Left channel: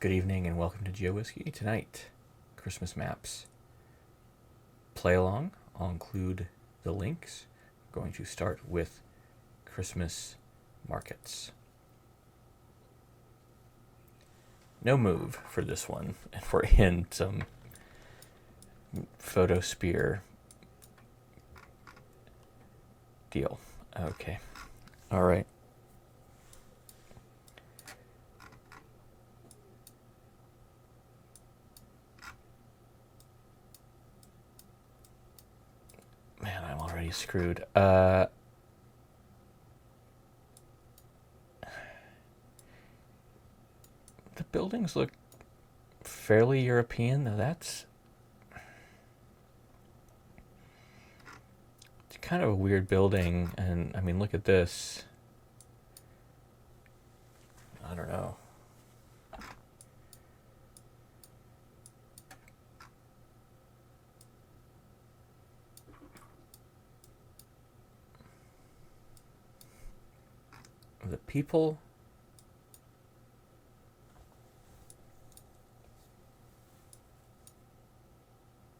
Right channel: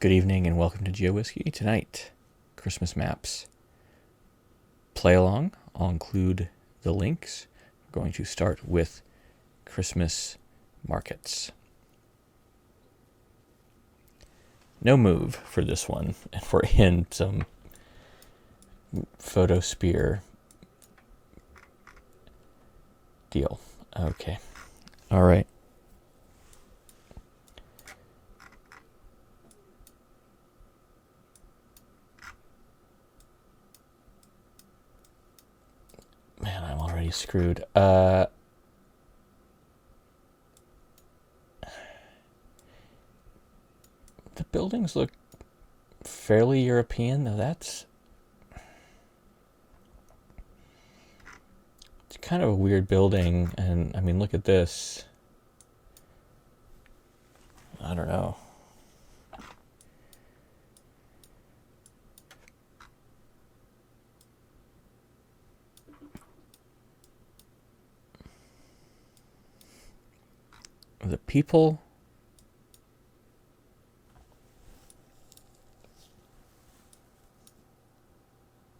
Good evening and welcome to GeoWhiskey. Tonight, Christmas maps. Play along. I'll include the links. We're going to start with Christmas markets. No move for this one, and we're in some photosphere deal. Okay. All right. Man, I'm already screwed. The buildings look fairly European, though it's kind of a weird building, and I mean, look at this. I don't know. The people.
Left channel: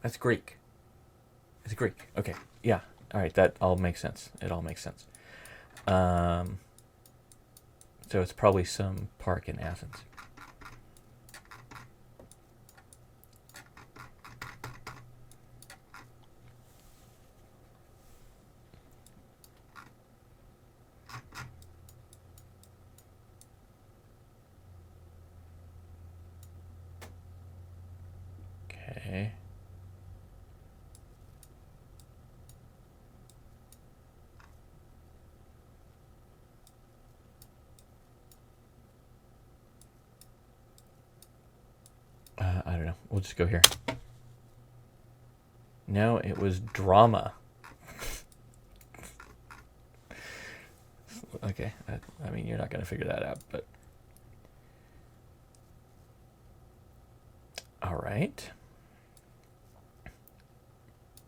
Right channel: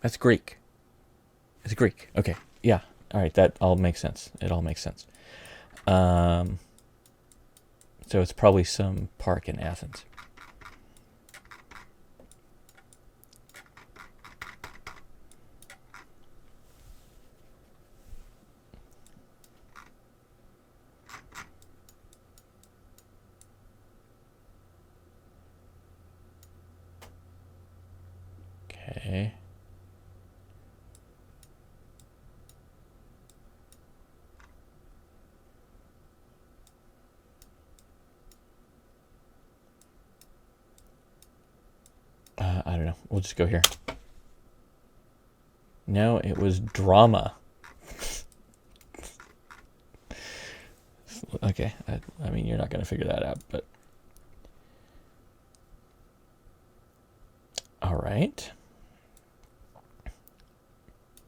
That's Greek. It's Greek. Okay. Yeah. All right. That all makes sense. It all makes sense. So it's probably some park in Athens. Okay. I don't know. We'll just go here. No, it was drama. Okay. I mean, you're not going to figure that out, but. All right.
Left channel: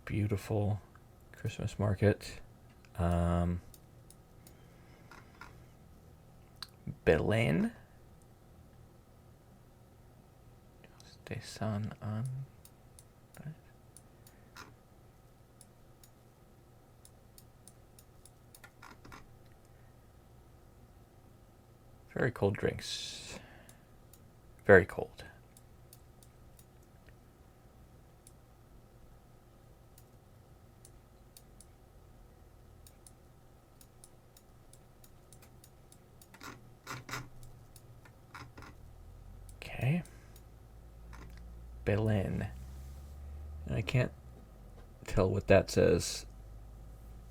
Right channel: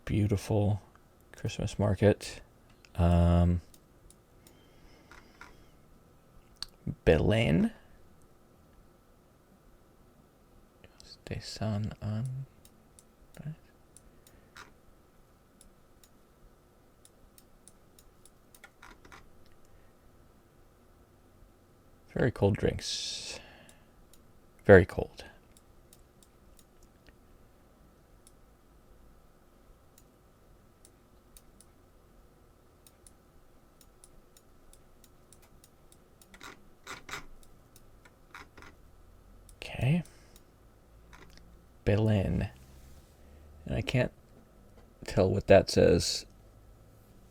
Beautiful Christmas market. Belen. Stay sun on. Right. Very cold drinks. Very cold. Okay. Berlin. And I can't tell what that says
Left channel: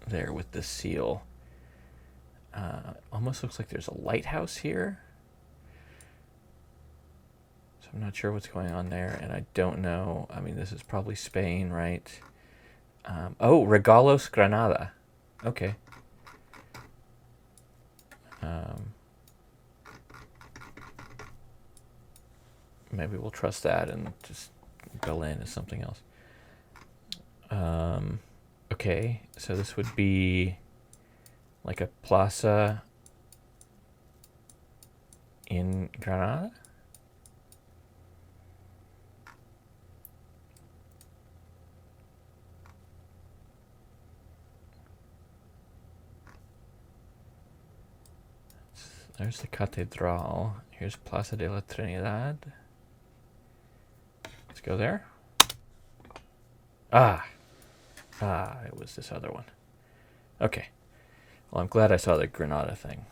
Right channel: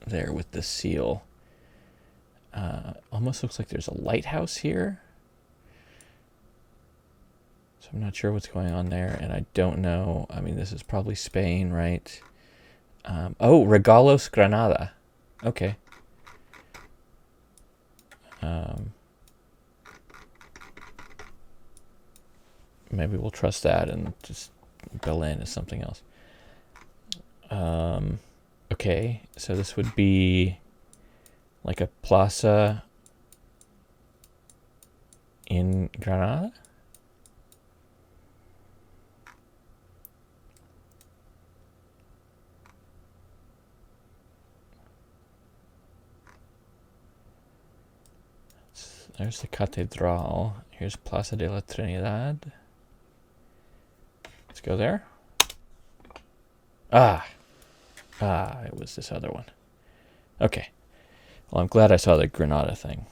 there with the seal. Almost looks like there's a lighthouse here. So I'm not sure what's going on there, and I don't know. I mean, this is probably Spain, right? Oh, Regalos Granada. Okay. Maybe we'll trust that and just Berlin is something else. Okay, so this would be like a plaza in Granada? There's the Catedral. Here's Plaza de la Trinidad. Let's go there. It was this other one. Okay. Well, I'm glad I saw the Granada thing.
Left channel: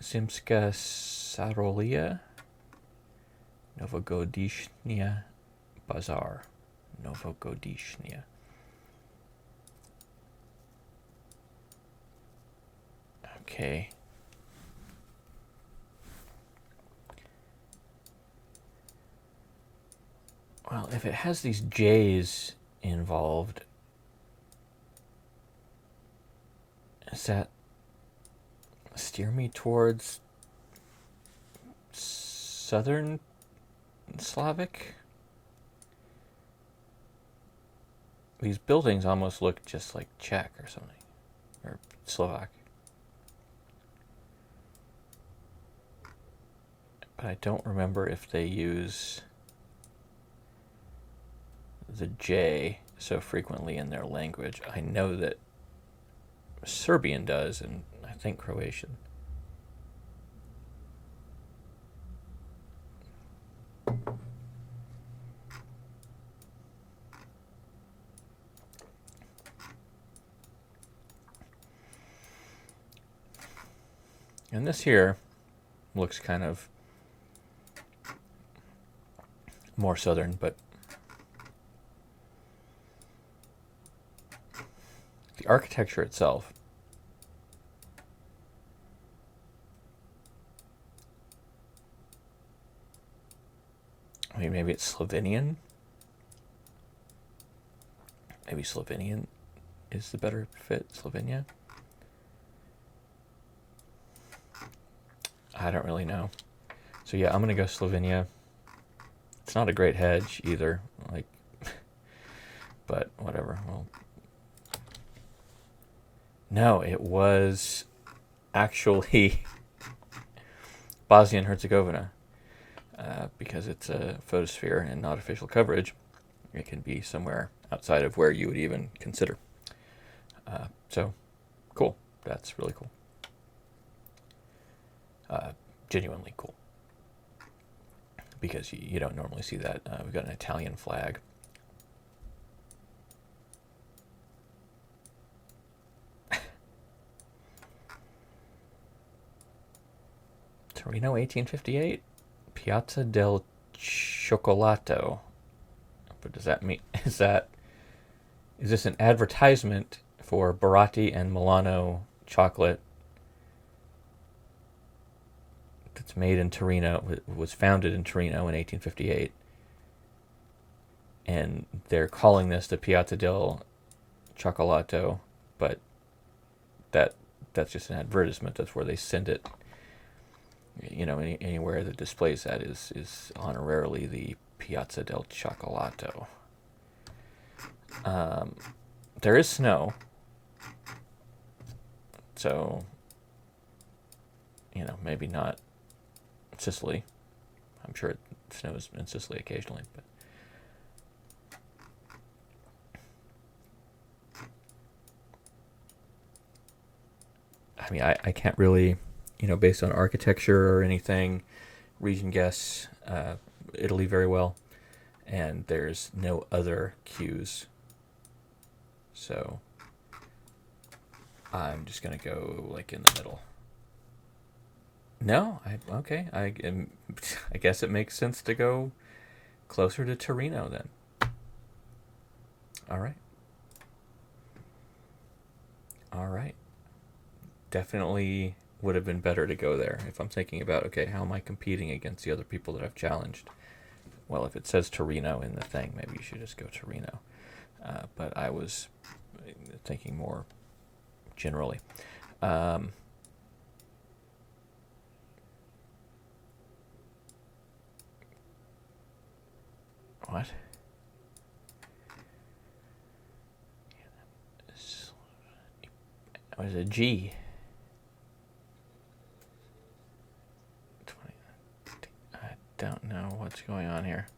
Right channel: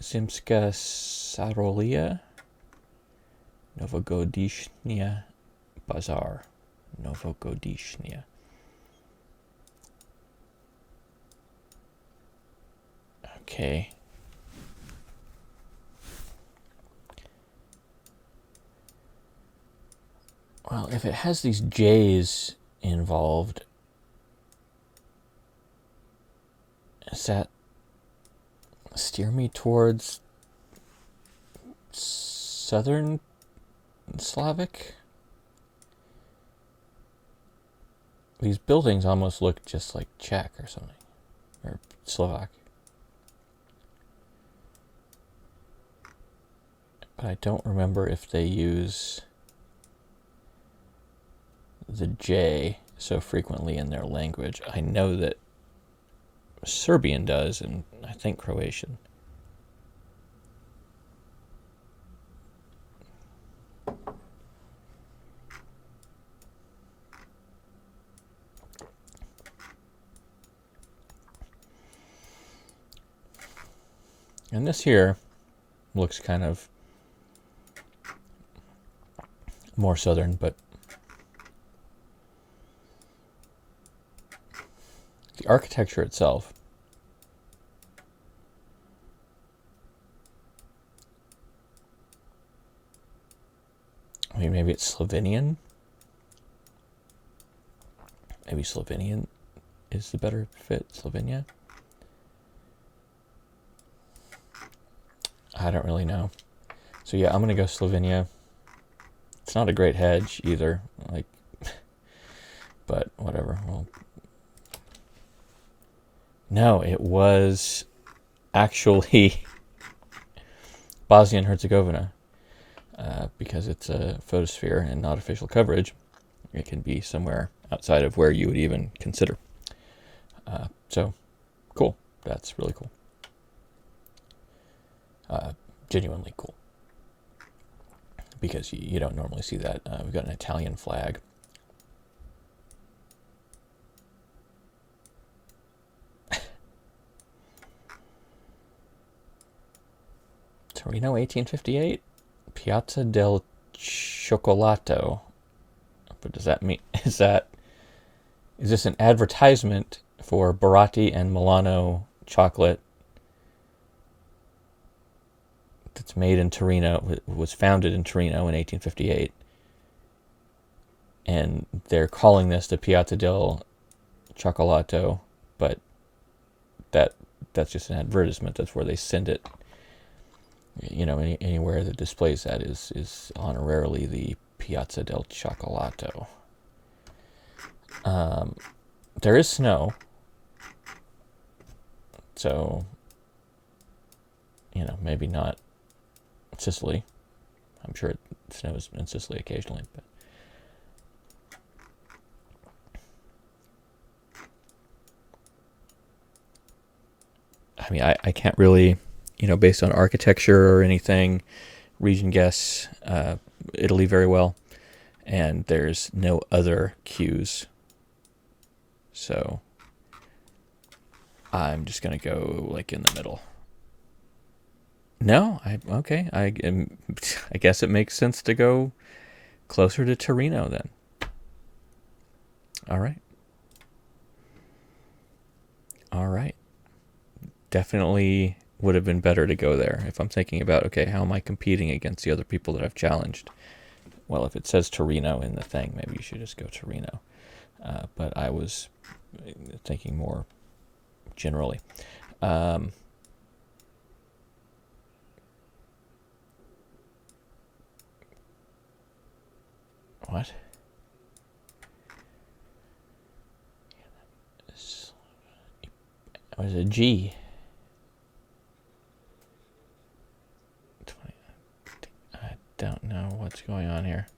Zimska Sarolia. Novogodishnya Bazaar. Novogodishnya. Okay. Well, if it has these J's involved, does that steer me towards Southern Slavic? These buildings almost look just like Czech or something, or Slovak. but I don't remember if they use the J so frequently in their language. I know that Serbian does, and I think Croatian. And this here looks kind of more southern, but the architecture itself, I mean, maybe it's Slovenian. Maybe Slovenian is the better fit. Slovenia? I don't really know. So yeah, I'm going to go Slovenia. It's not a great hedge either, like, but whatever. Well, no, it was actually Bosnia and Herzegovina, because it's a photosphere and not official coverage. It can be somewhere outside of where you would even consider. So, cool. That's really cool. Genuinely cool. Because you don't normally see that. We've got an Italian flag. Torino, 1858. Piazza del Cioccolato. What does that mean? Is this an advertisement for Baratti and Milano chocolate that's made in Torino, was founded in Torino in 1858, and they're calling this the Piazza del Cioccolato, but that's just an advertisement. That's where they send it. Anywhere that displays that is honorarily the Piazza del Cioccolato. There is snow, so maybe not Sicily. I'm sure it snows in Sicily occasionally, but I mean, I can't really, based on architecture or anything, region guess Italy very well, and there's no other cues, so I'm just gonna go like in the middle. No, okay. I guess it makes sense to go closer to Torino then. All right. All right. Definitely would have been better to go there if I'm thinking about, okay, how am I competing against the other people that I've challenged? Well, if it says Torino in the thing, maybe you should just go Torino. But I was thinking more generally. What? What is a G? 20. I don't know what's going on here.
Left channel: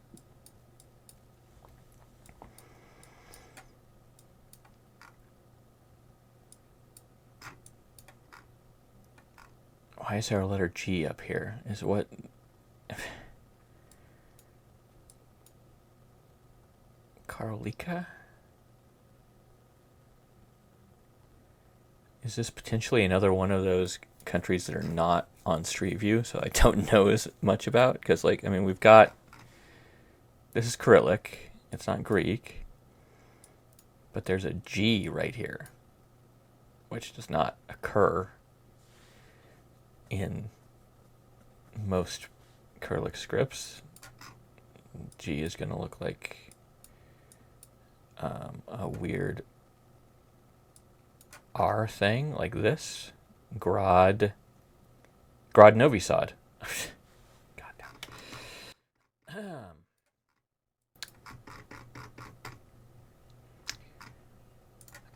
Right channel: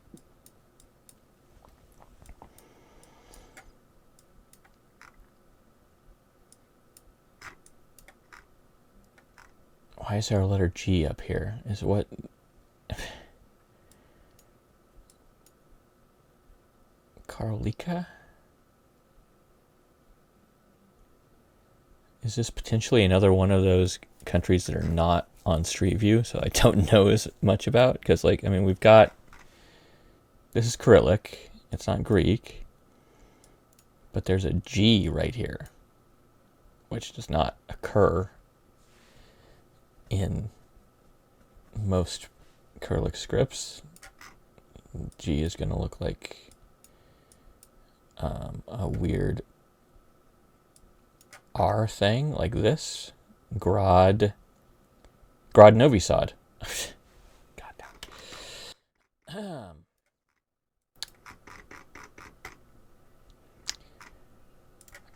Why is there a letter G up here? Is what? Karolika? Is this potentially another one of those countries that are not on Street View, so I don't know as much about? Because, we've got... This is Cyrillic. It's not Greek. But there's a G right here, which does not occur in most Cyrillic scripts. G is going to look like a weird R thing, like this. Grad Novi Sad. God damn.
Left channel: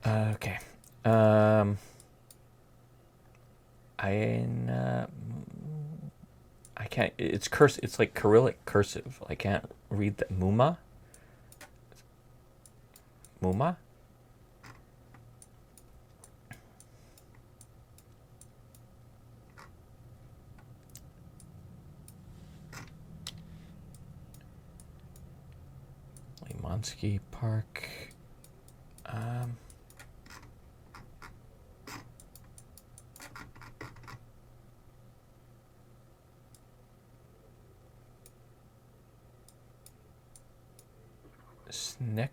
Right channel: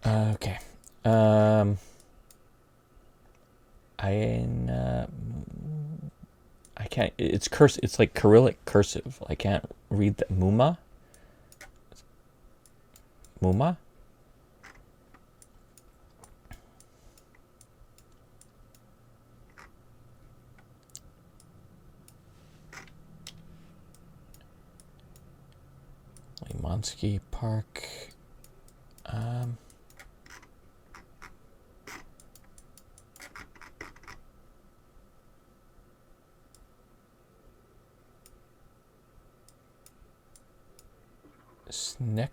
Okay. I can't. It's curse. It's like Cyrillic cursive. I can't read that. Muma. Muma. Limansky Park. Snex.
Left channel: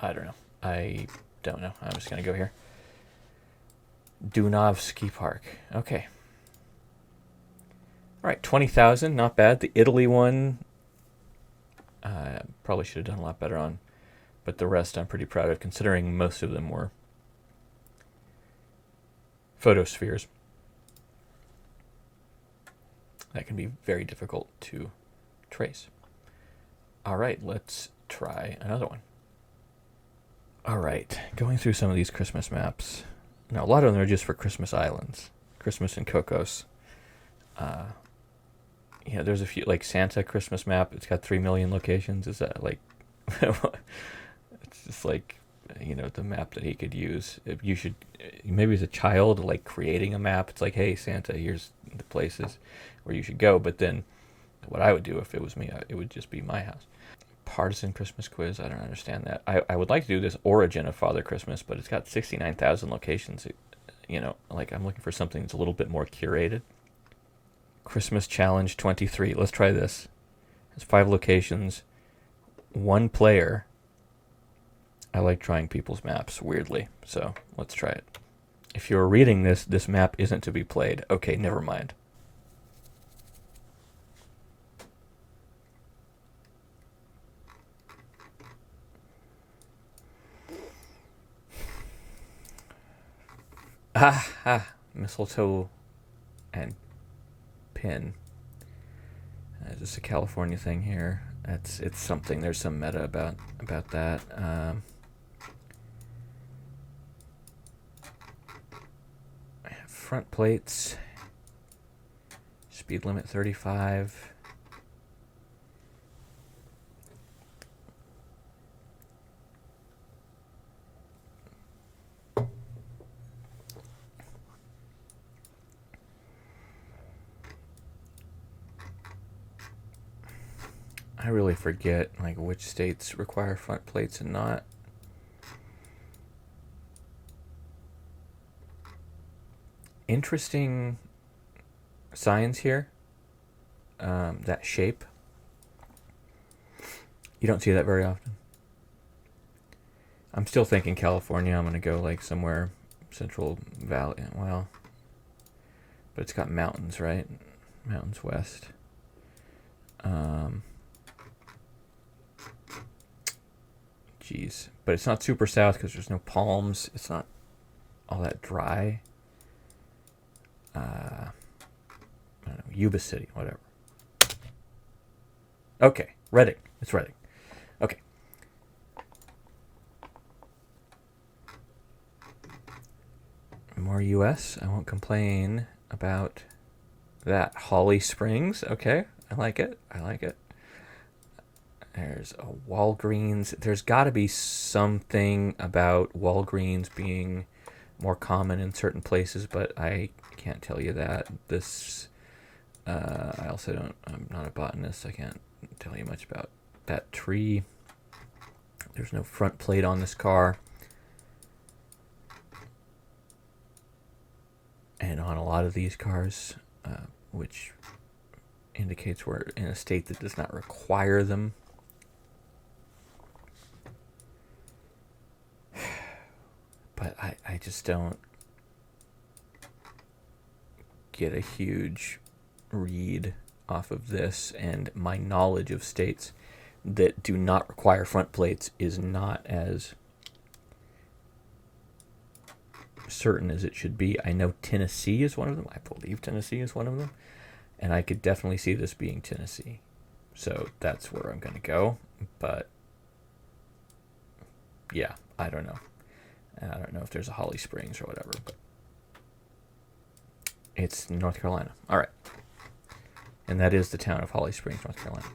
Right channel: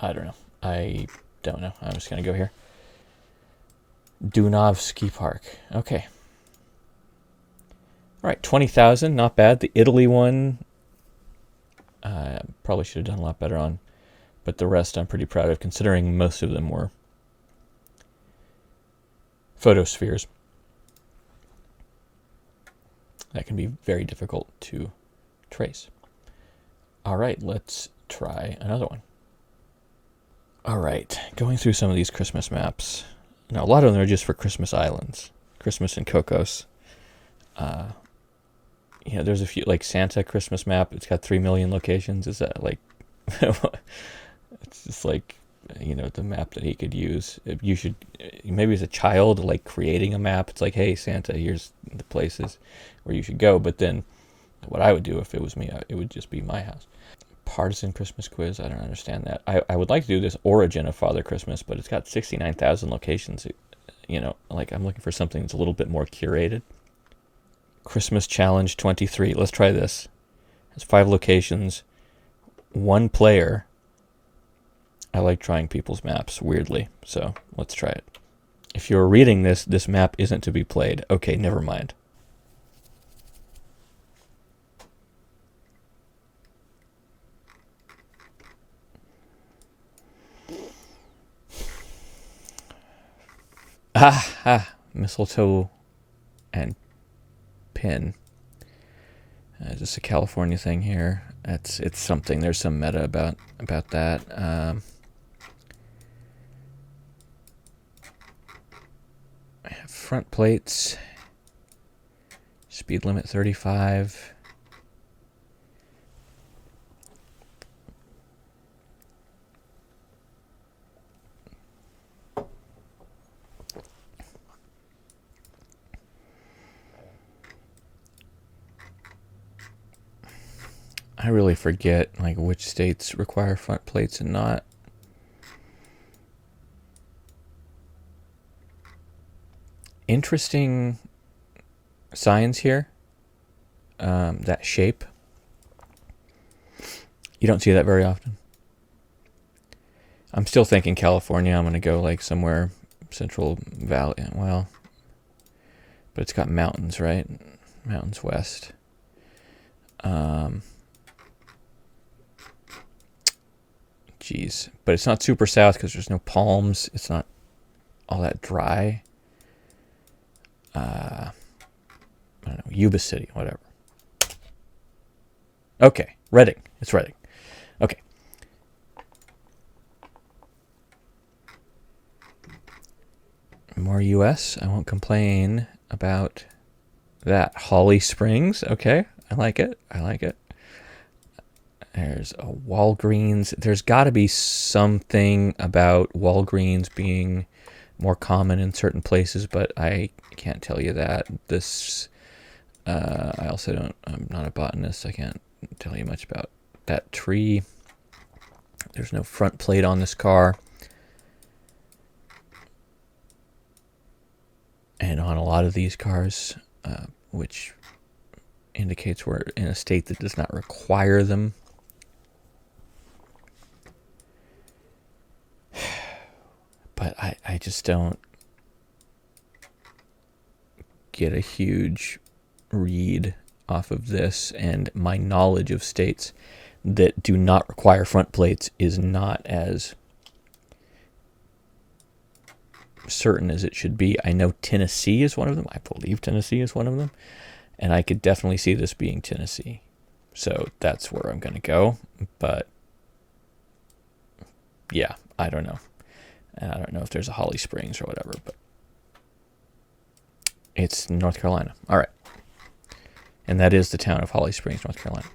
I don't know. I don't know. I'm just gonna go here. Dunovsky Park. Okay. All right, 20,000. Not bad. The Italy one. Probably should have done a lot better on, but the rest I'm pretty proud of, considering most of them were photospheres. That can be very difficult to trace. All right, let's try another one. All right, going through some of these Christmas maps. Now, a lot of them are just for Christmas islands, Christmas and Cocos. You know, there's a few, like Santa Christmas map. It's got 3 million locations. Is that like, it's just like, you know, the map that he could use. If you should, maybe as a child, like creating a map. It's like, hey, Santa, here's the places where you should go. But then what I would do if it was me, it would just be my house. Partisan Christmas quiz. I don't understand that. I would like to do this origin of Father Christmas, but it's got 69,000 locations. You know, like I'm looking for something that's a little bit more curated. Christmas Challenge 23. Let's try this. It's 5 locations, 1 player. I like trying people's maps, weirdly, so let's try it. If you're reading this, this map isn't to be played. Okay, never mind. Mistletoe and pin. Is this a California thing here? It's something. There's some meta about that. Front plates. Speed limit 35. I really forget like which states require front plates and not. Interesting signs here. That shape. You don't see that very often. I'm still thinking California. I'm going to go like somewhere Central Valley. Well, but it's got mountains, right? Mountains west. Geez. But it's not super south because there's no palms. It's not all that dry. I don't know. Yuba City, whatever. Okay. Reading. It's Reading. Okay. More US. I won't complain about that. Holly Springs. Okay. I like it. I like it. There's a Walgreens. There's got to be something about Walgreens being more common in certain places, but I can't tell you that. This, I also don't, I'm not a botanist. I can't tell you much about that tree. There's no front plate on this car. And on a lot of these cars, which indicates we're in a state that does not require them. But I just don't get a huge read off of this, and my knowledge of states that do not require front plates is not as certain as it should be. I know Tennessee is one of them. I believe Tennessee is one of them, and I could definitely see this being Tennessee. So that's where I'm going to go. But yeah, I don't know. I don't know if there's a Holly Springs or whatever, but it's North Carolina. All right. And that is the town of Holly Springs, North Carolina.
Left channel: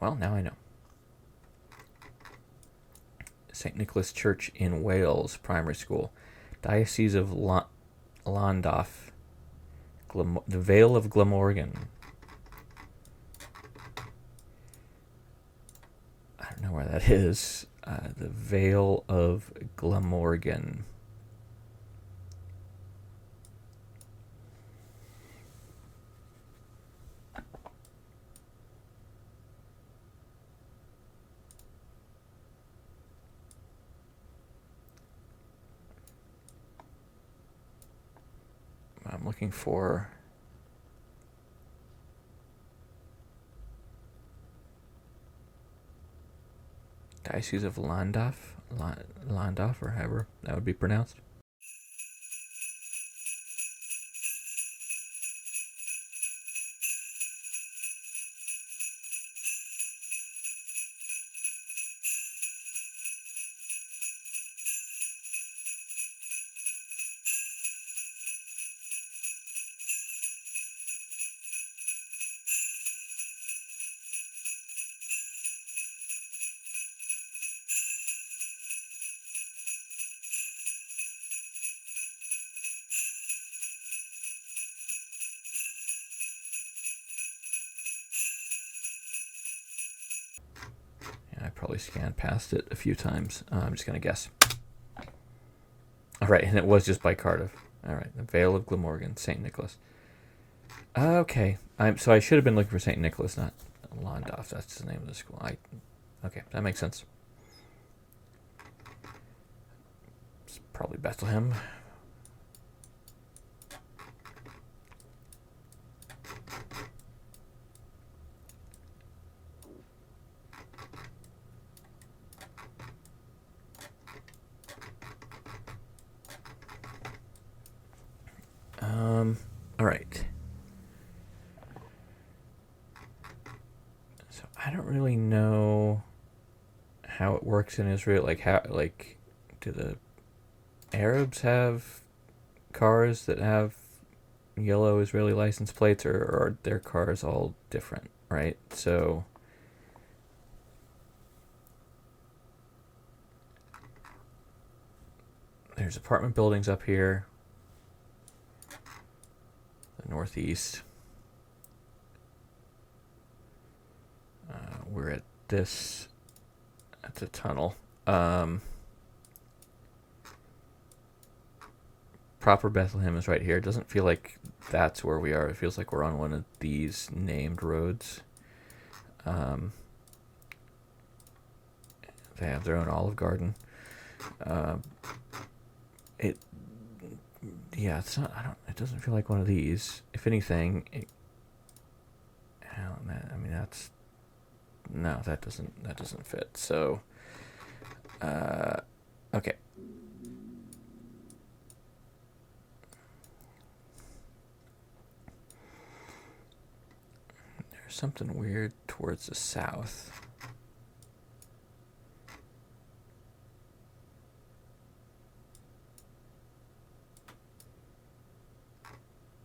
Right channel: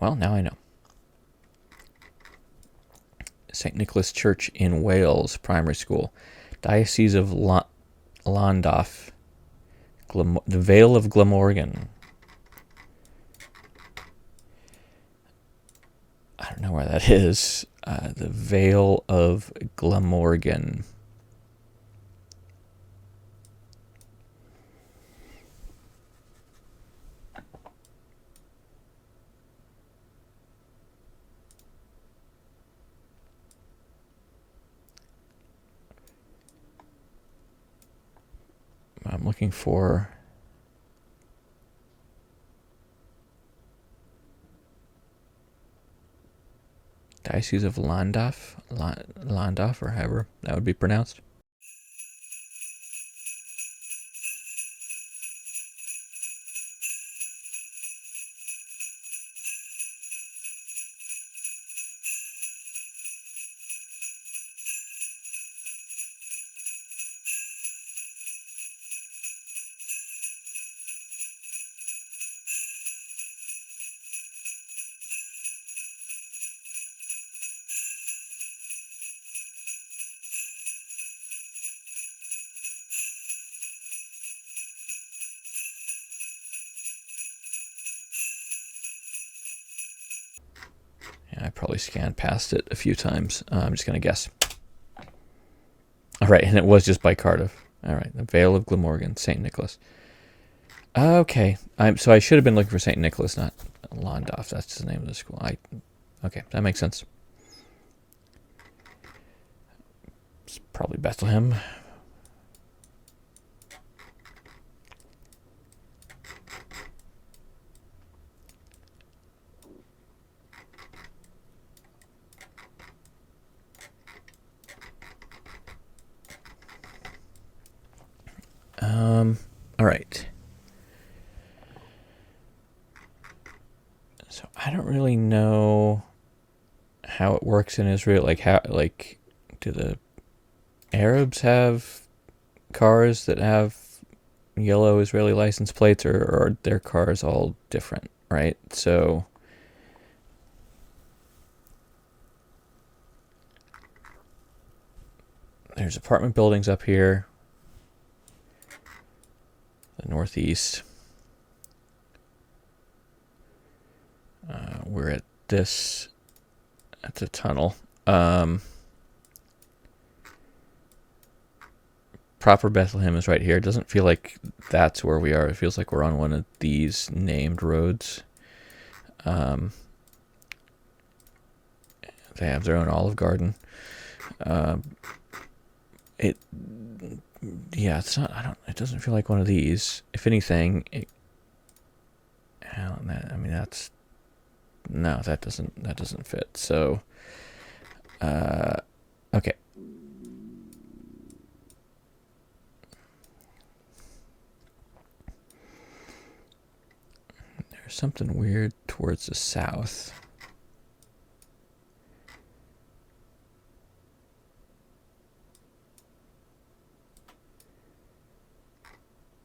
Well, now I know. St. Nicholas Church in Wales Primary School. Diocese of Llandaff. The Vale of Glamorgan. I don't know where that is. The Vale of Glamorgan. I'm looking for Diocese of Llandaff, or however that would be pronounced. I probably scanned past it a few times. I'm just going to guess. All right, and it was just by Cardiff. All right, the Vale of Glamorgan, St. Nicholas. Okay, so I should have been looking for St. Nicholas, not Llandaff. That's the name of the school. Okay, that makes sense. It's probably Bethlehem. All right. So I don't really know how it works in Israel. Do the Arabs have cars that have yellow Israeli license plates, or are their cars all different, right? So there's apartment buildings up here, the northeast. We're at the tunnel. Proper Bethlehem is right here. It doesn't feel like that's where we are. It feels like we're on one of these named roads. They have their own Olive Garden. It's not. It doesn't feel like one of these. If anything, that doesn't fit. So, okay. There's something weird towards the south.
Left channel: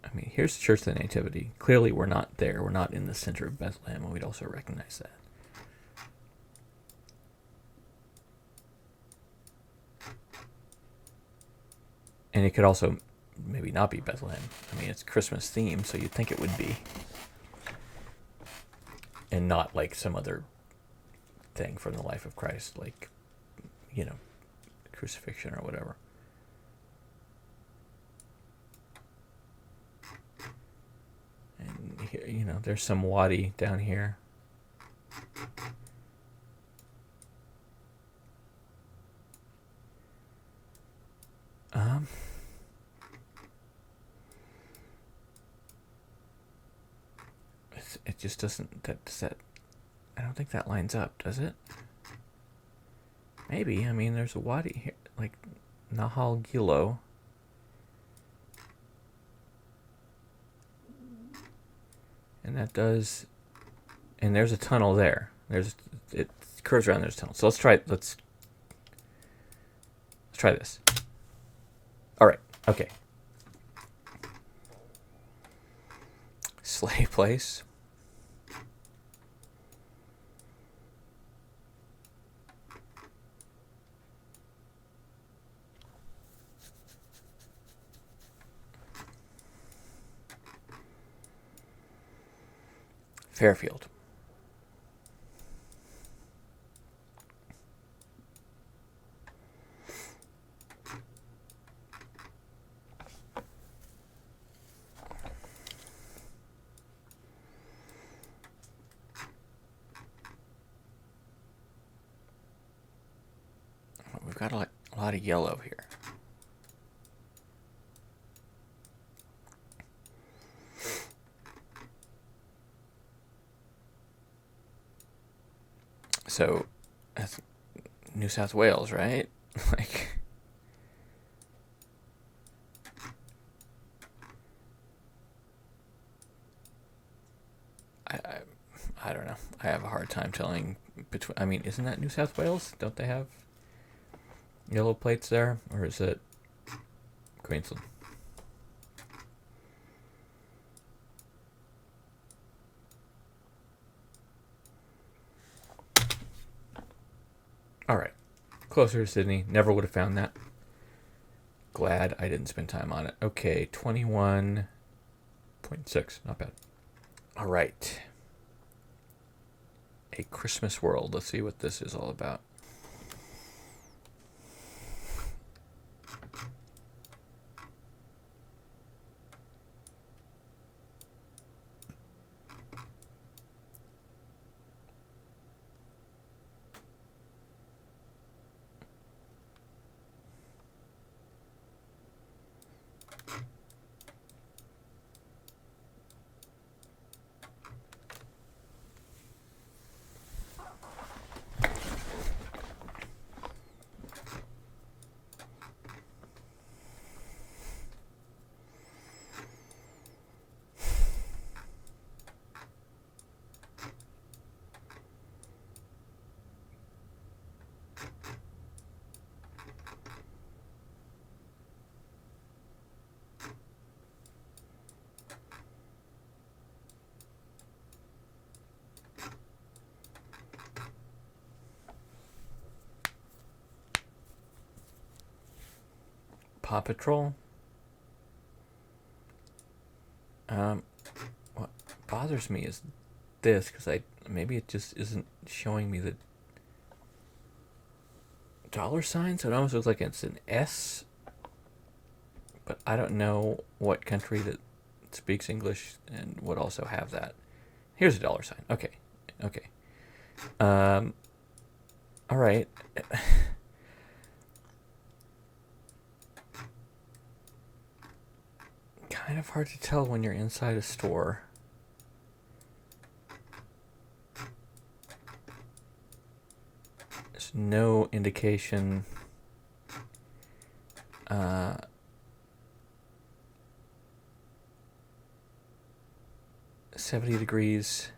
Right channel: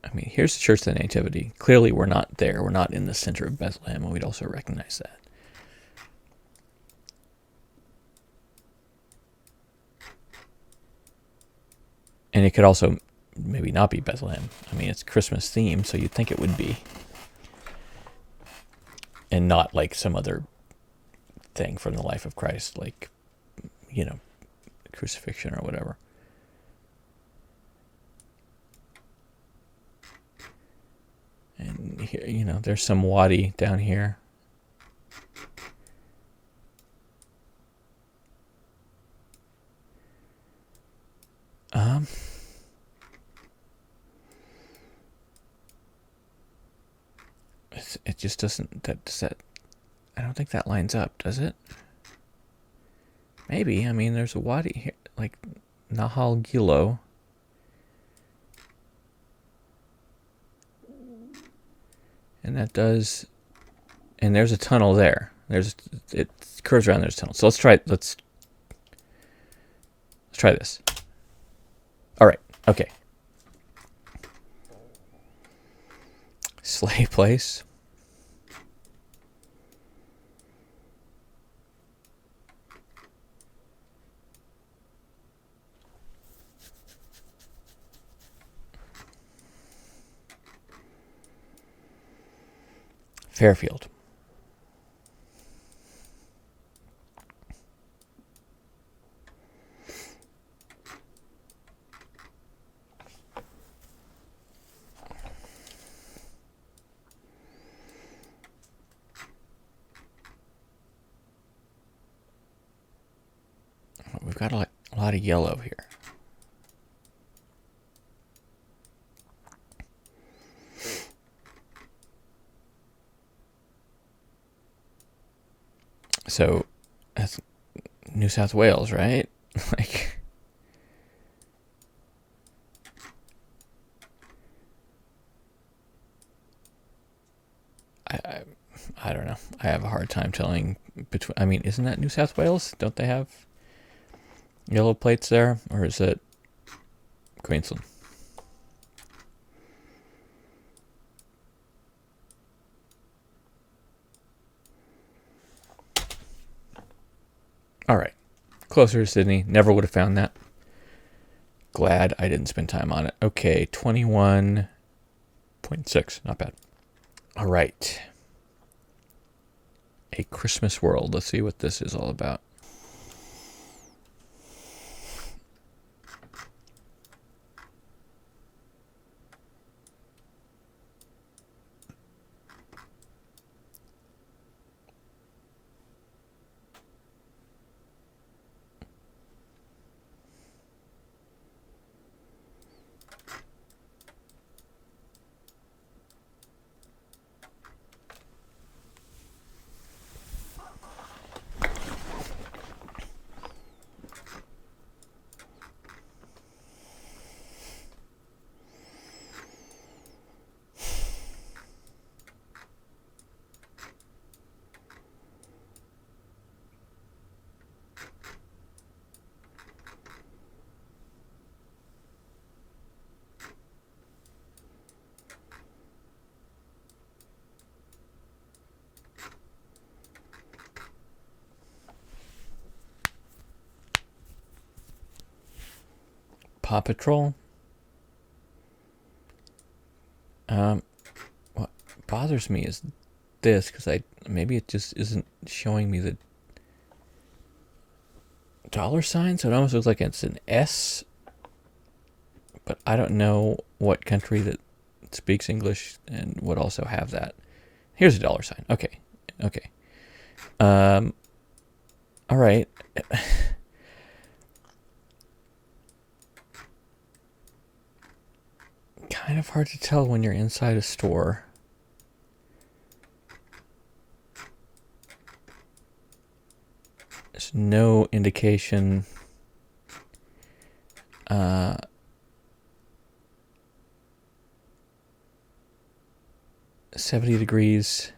I mean, here's the Church of the Nativity. Clearly, we're not there. We're not in the center of Bethlehem, and we'd also recognize that. And it could also maybe not be Bethlehem. I mean, it's Christmas themed, so you'd think it would be. And not like some other thing from the life of Christ, like, crucifixion or whatever. And here, there's some wadi down here. It just doesn't. I don't think that lines up, does it? Maybe. I mean, there's a wadi here, like Nahal Gilo. And that does. And there's a tunnel there. It curves around. There's a tunnel. So let's try this. All right. Okay. Sleigh place. Fairfield. We've got a lot of yellow here. So that's New South Wales, right? Like, I don't know. I have a hard time telling between. I mean, isn't that New South Wales? Don't they have yellow plates there, or is it Queensland? All right, closer to Sydney. Never would have found that. Glad I didn't spend time on it. Okay, 21.6. Not bad. All right. A Christmas World. Let's see what this is all about. Paw Patrol. What bothers me is this, because maybe it just isn't showing me the dollar sign, so it almost looks like it's an S, but I don't know what country that speaks English and would also have that. Here's a dollar sign. Okay. All right. Kind of hard to tell when you're inside a store. There's no indication. 70 degrees.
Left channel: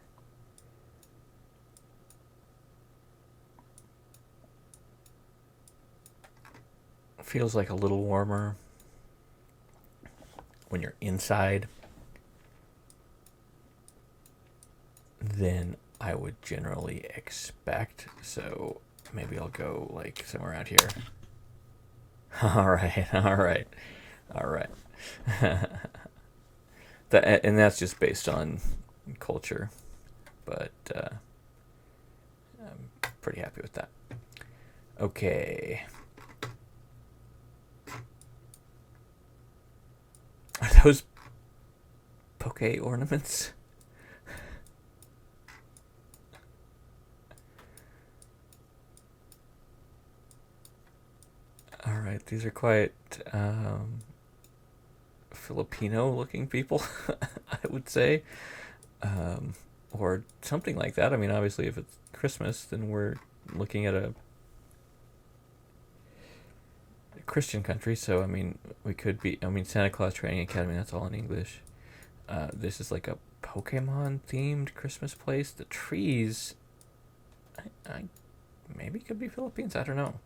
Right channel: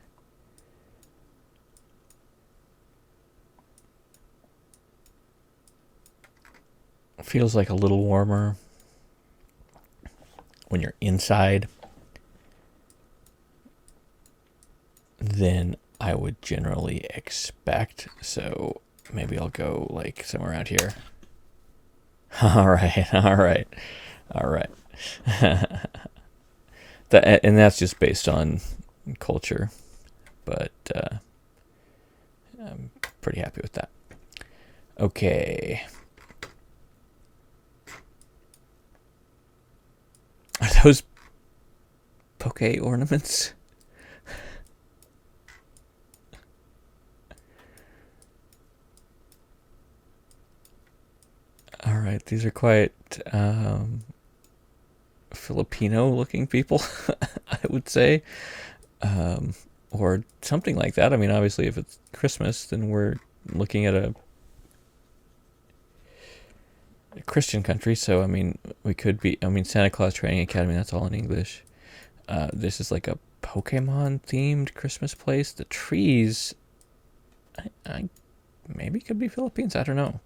Feels like a little warmer when you're inside than I would generally expect. So maybe I'll go like somewhere around here. All right. And that's just based on culture, but I'm pretty happy with that. Okay. Are those poke ornaments? All right, these are quite Filipino-looking people, I would say, or something like that. I mean, obviously, if it's Christmas, then we're looking at a Christian country, so I mean, we could be. I mean, Santa Claus Training Academy. That's all in English. This is like a Pokemon-themed Christmas place. The trees, I maybe could be Philippines. I don't know.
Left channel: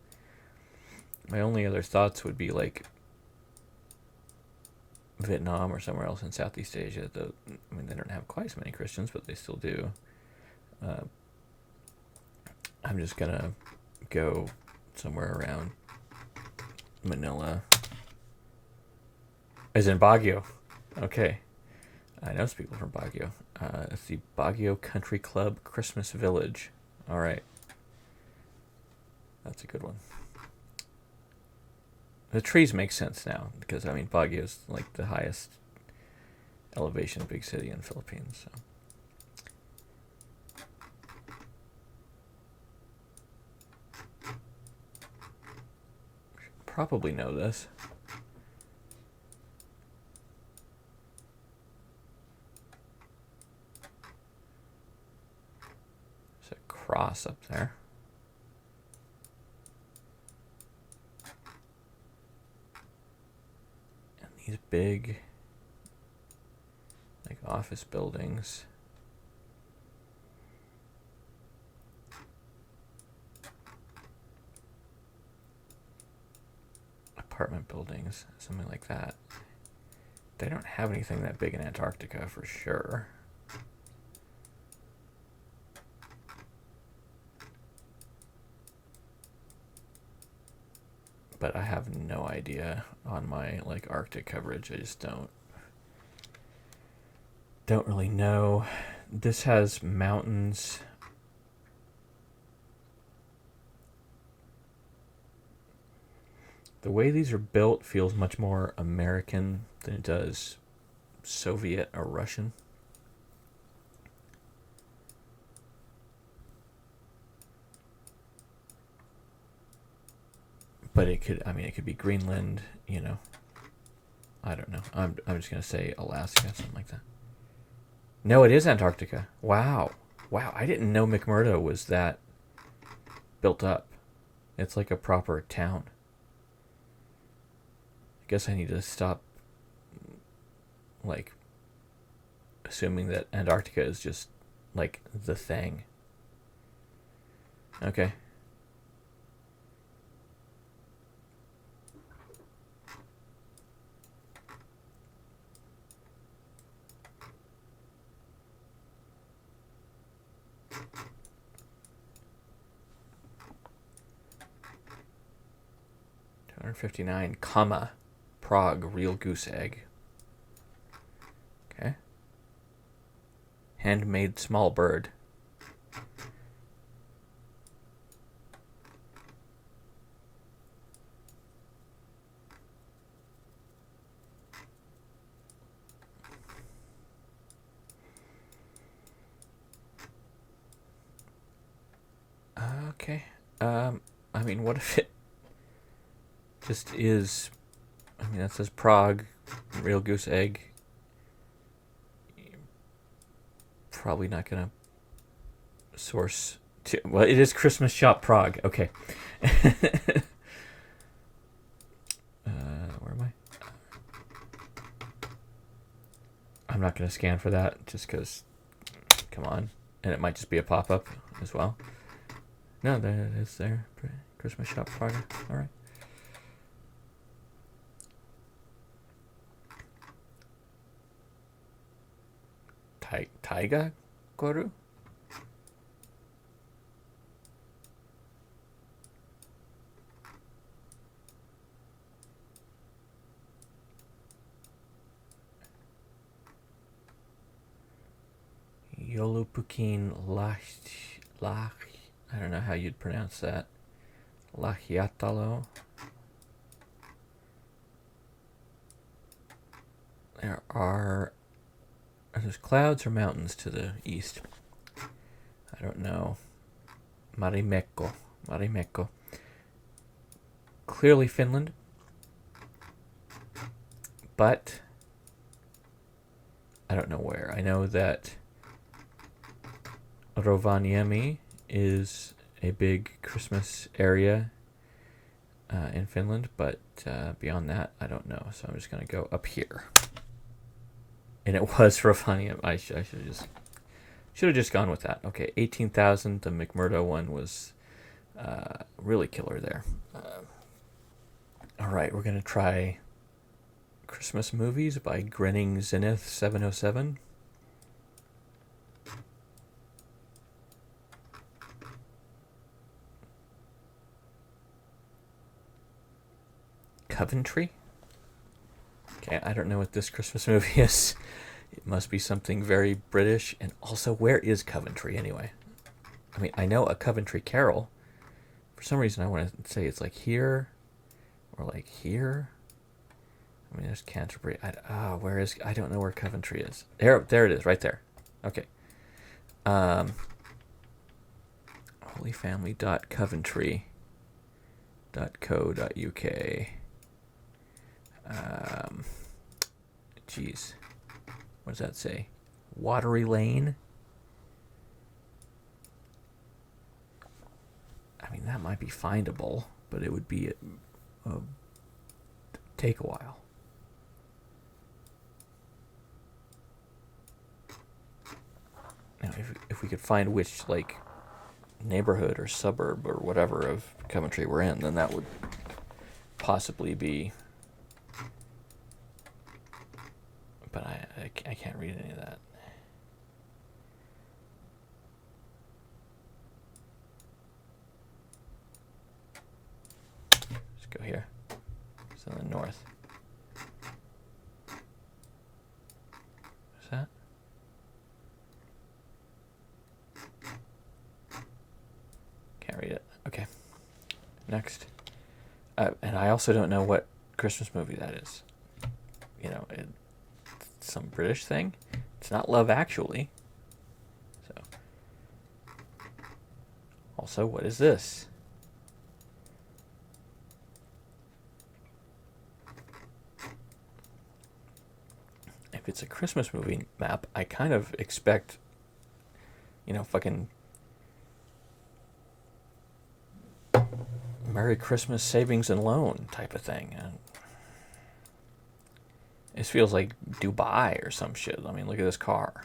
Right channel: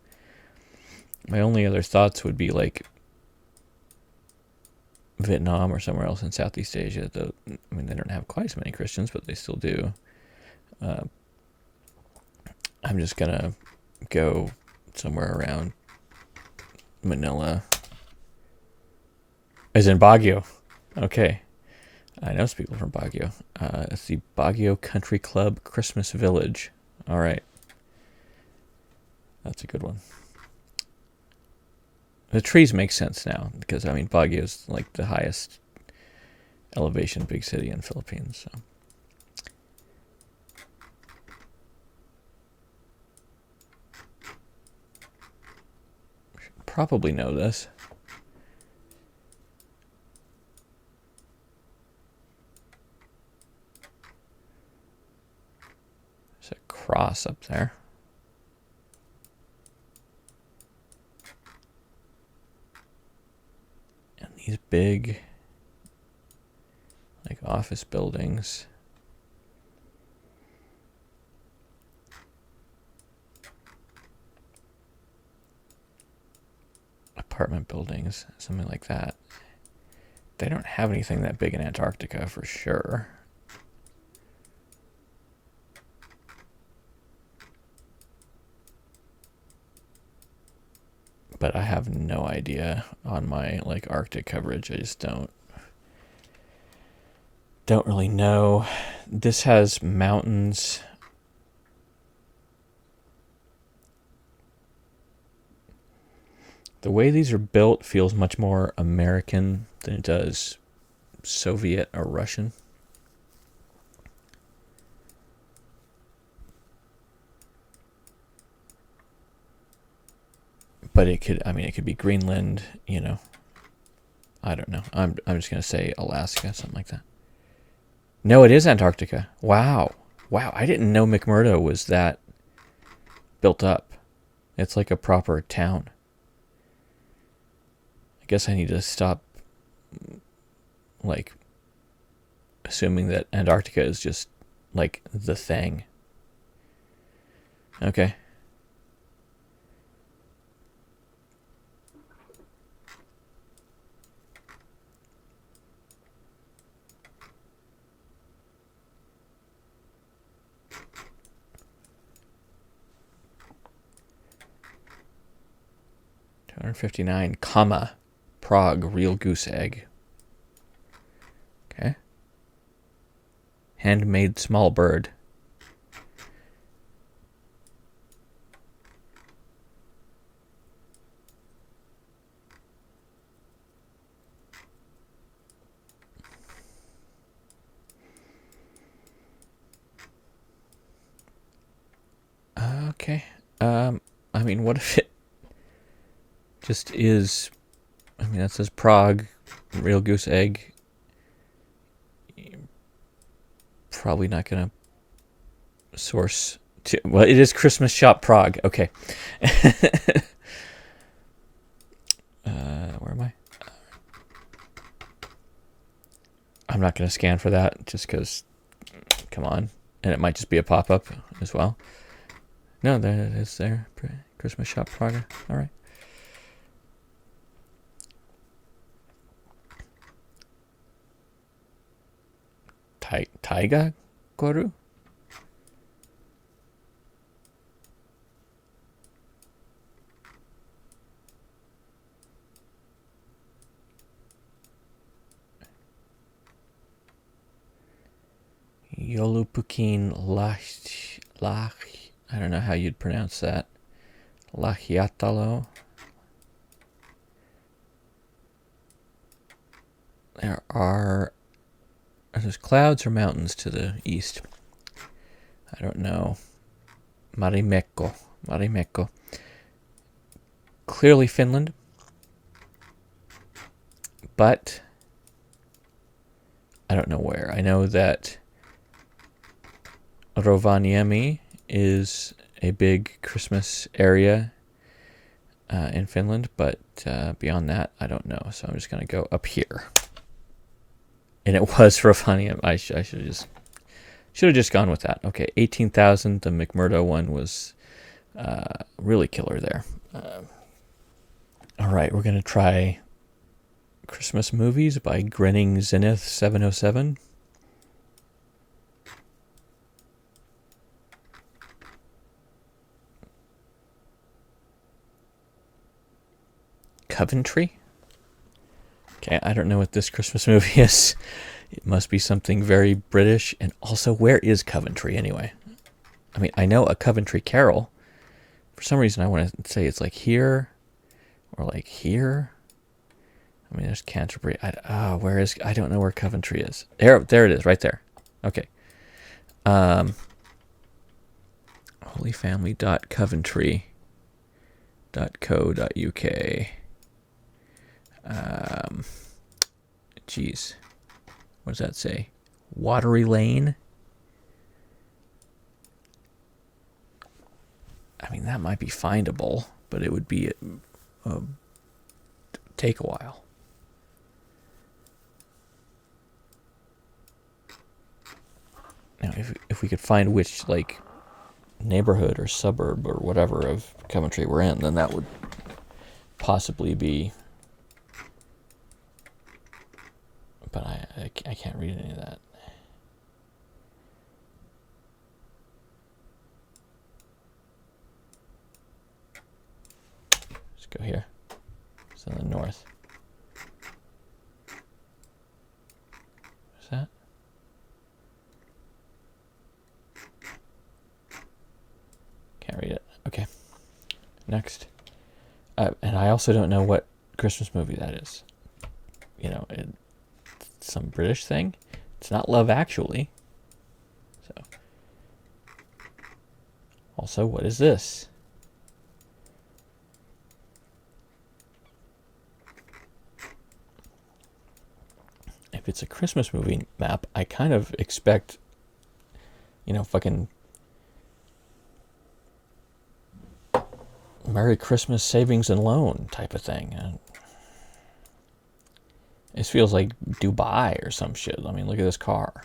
My only other thoughts would be like Vietnam or somewhere else in Southeast Asia. Though, I mean, they don't have quite as many Christians, but they still do. I'm just gonna go somewhere around Manila. As in Baguio. Okay. I know some people from Baguio. It's the Baguio Country Club Christmas Village. All right. That's a good one. The trees make sense now because, I mean, Baguio is like the highest elevation big city in the Philippines. So. Should probably know this. There's a cross up there. And these big, like, office buildings. Apartment buildings, something like that. They don't have anything that big in Antarctica for sure. But I have no idea on my like Arctic coverage. I just don't really know. This has mountains. The way these are built feels much more American than it does Soviet or Russian. But it could, I mean, it could be Greenland, you know. I don't know. I'm just going to say Alaska, something like that. No, it is Antarctica. Wow. Wow, I didn't know McMurdo was that built up. It's like a proper town. I guess I need to stop, like, assuming that Antarctica is just, like, the thing. Okay. $259, comma, Prague, real goose egg. Okay. Handmade small bird. Okay. I mean, what if it just is? I mean, that says Prague, real goose egg. Probably not gonna source to. Well, it is Christmas shop Prague. Okay. Where am I? I'm not gonna scan for that just because. Come on, and it might just be a pop-up as well. No, there it is. There, Christmas shop Prague. All right. Taiga Koru? Yolupukin Lach. I don't know how you'd pronounce that. Lachiatalo. There's clouds or mountains to the east. I don't know. Marimekko. Clearly Finland. But I don't know where. I know that Rovaniemi is a big Christmas area in Finland, but beyond that, I don't know. So I'm just going to go up here. And it was Rovaniemi. I should have just gone with that. Okay, 18,000. The McMurdo one was really killer there. All right, we're going to try Christmas Movies by Grinning Zenith 707. Coventry? Okay, I don't know what this Christmas movie is. It must be something very British. And also, where is Coventry anyway? I mean, I know A Coventry Carol. For some reason, I want to say it's like here or like here. I mean, there's Canterbury. Where is? I don't know where Coventry is. There it is, right there. Okay. holyfamily.coventry.co.uk. Geez, what does that say? Watery Lane. I mean, that might be findable, but it would be take a while. Now, if we could find which like neighborhood or suburb or whatever of Coventry we're in, then that would possibly be. But I can't read any of that. Let's go here. It's in the north. What's that? Can't read it. Okay. Next. And I also don't know what Christmas movie that is. You know, it's some British thing. It's not Love Actually. So. Also, what is this? If it's a Christmas movie map, I kind of expect, fucking Merry Christmas Savings and Loan type of thing. This feels like Dubai or some shit. I mean, look at this car.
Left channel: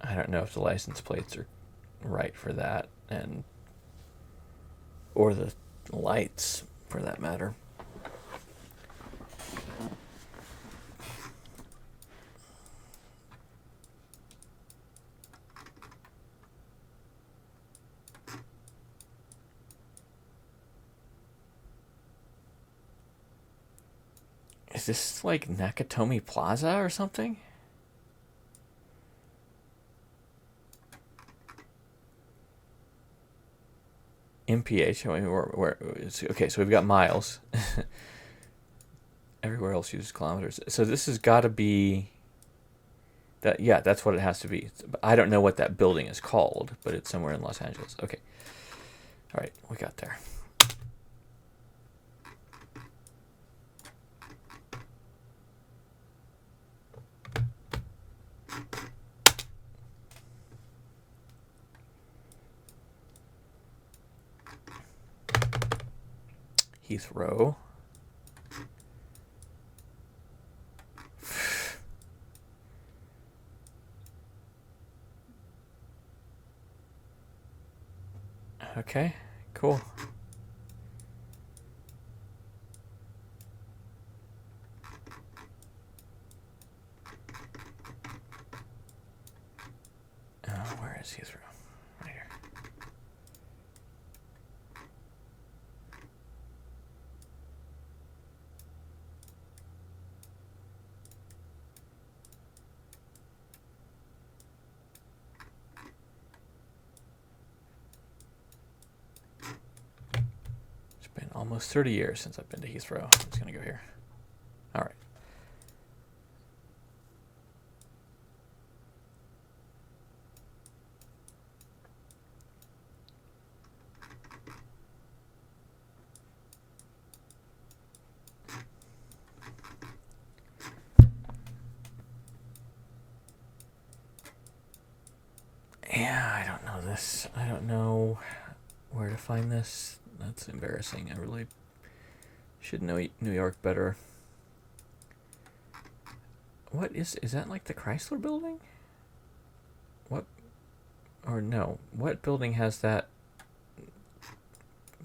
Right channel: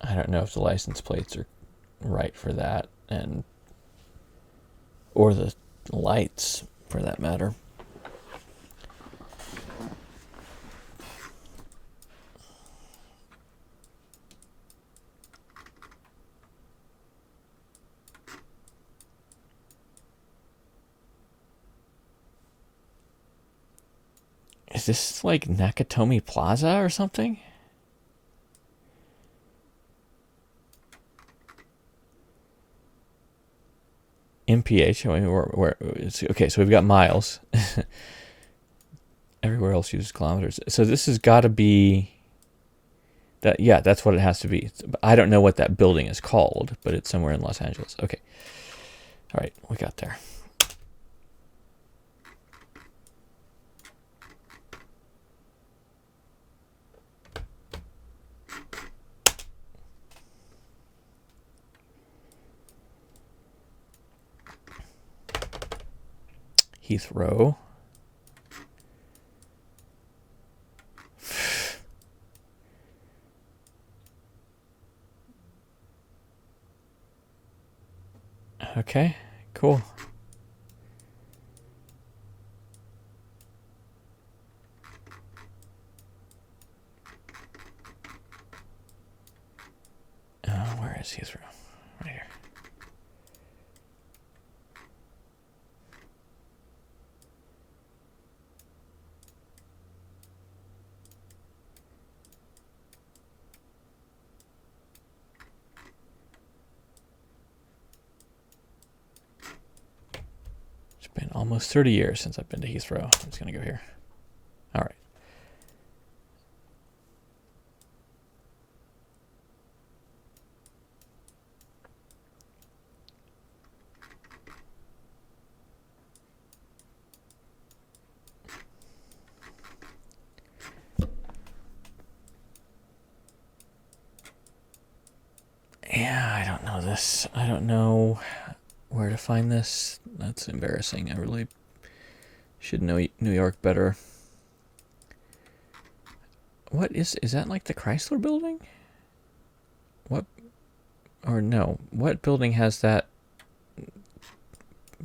I don't know if the license plates are right for that, or the lights, for that matter. Is this like Nakatomi Plaza or something? MPH. I mean, okay, so we've got miles. Everywhere else uses kilometers. So this has got to be that. Yeah, that's what it has to be. I don't know what that building is called, but it's somewhere in Los Angeles. Okay. All right, we got there. Heathrow. Okay, cool. Where is Heathrow? Right here. It's been almost 30 years since I've been to Heathrow. I'm just going to go here. All right. Yeah, I don't know this. I don't know where to find this. That's embarrassing. I really should know New York better. What is that like the Chrysler building? What? Or no. What building has that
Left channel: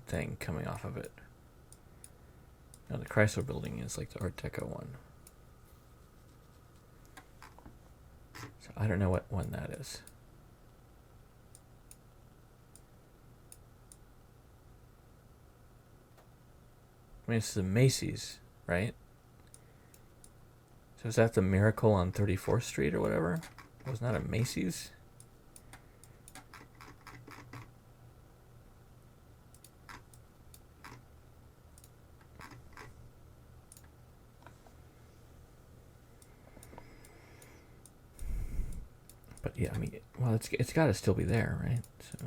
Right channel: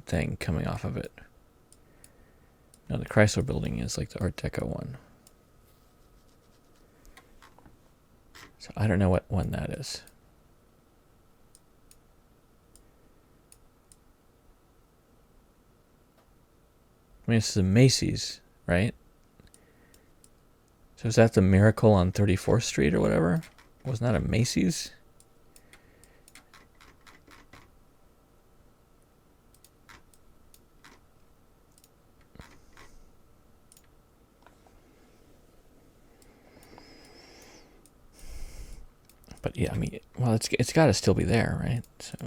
thing coming off of it. Now the Chrysler Building is like the Art Deco one. So I don't know what one that is. I mean, it's the Macy's, right? So is that the Miracle on 34th Street or whatever? Wasn't that a Macy's? But yeah, I mean, well, it's got to still be there, right? So.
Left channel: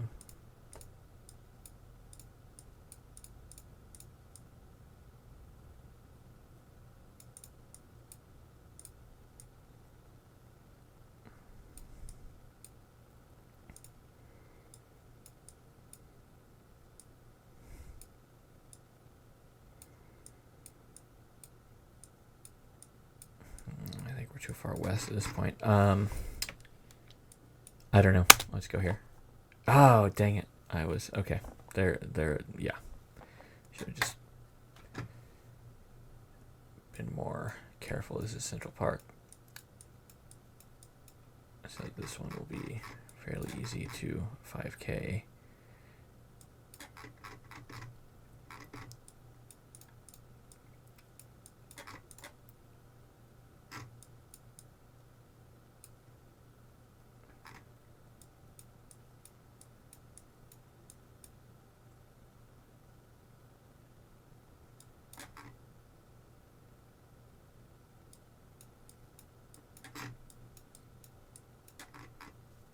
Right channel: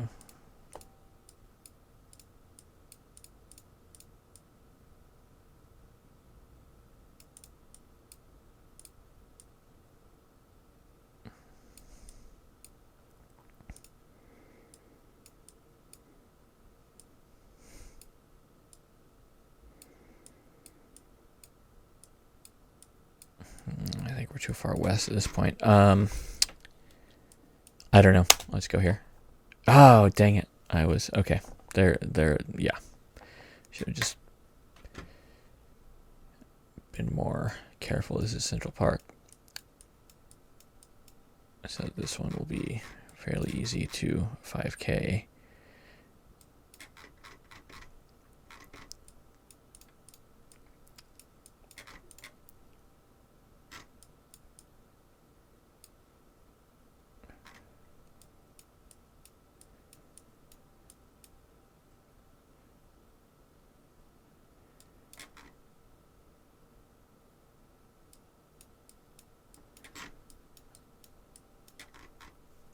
I think we're too far west at this point. I don't know. Let's go here. Oh, dang it. I was, okay. There, yeah. Should have just been more careful. This is Central Park. So this one will be fairly easy to 5K.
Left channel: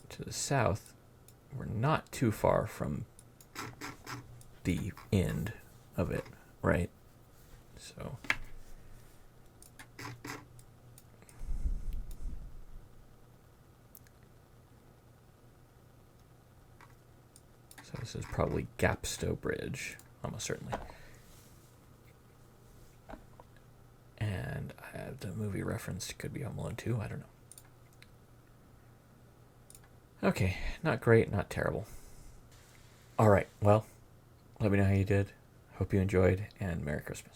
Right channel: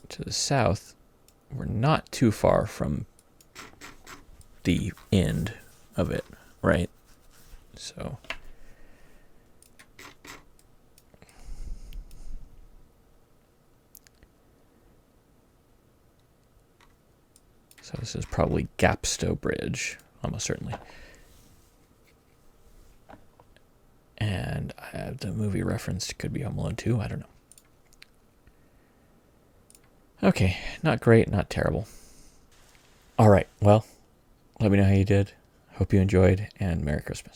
To the south, we're not too far from the end of it, right? So this is probably Gapstow Bridge, almost certainly. And the movie referenced could be Home Alone 2, I don't know. Okay, not great, not terrible. All right, well, let me know how you did. Hope you enjoyed, and Merry Christmas.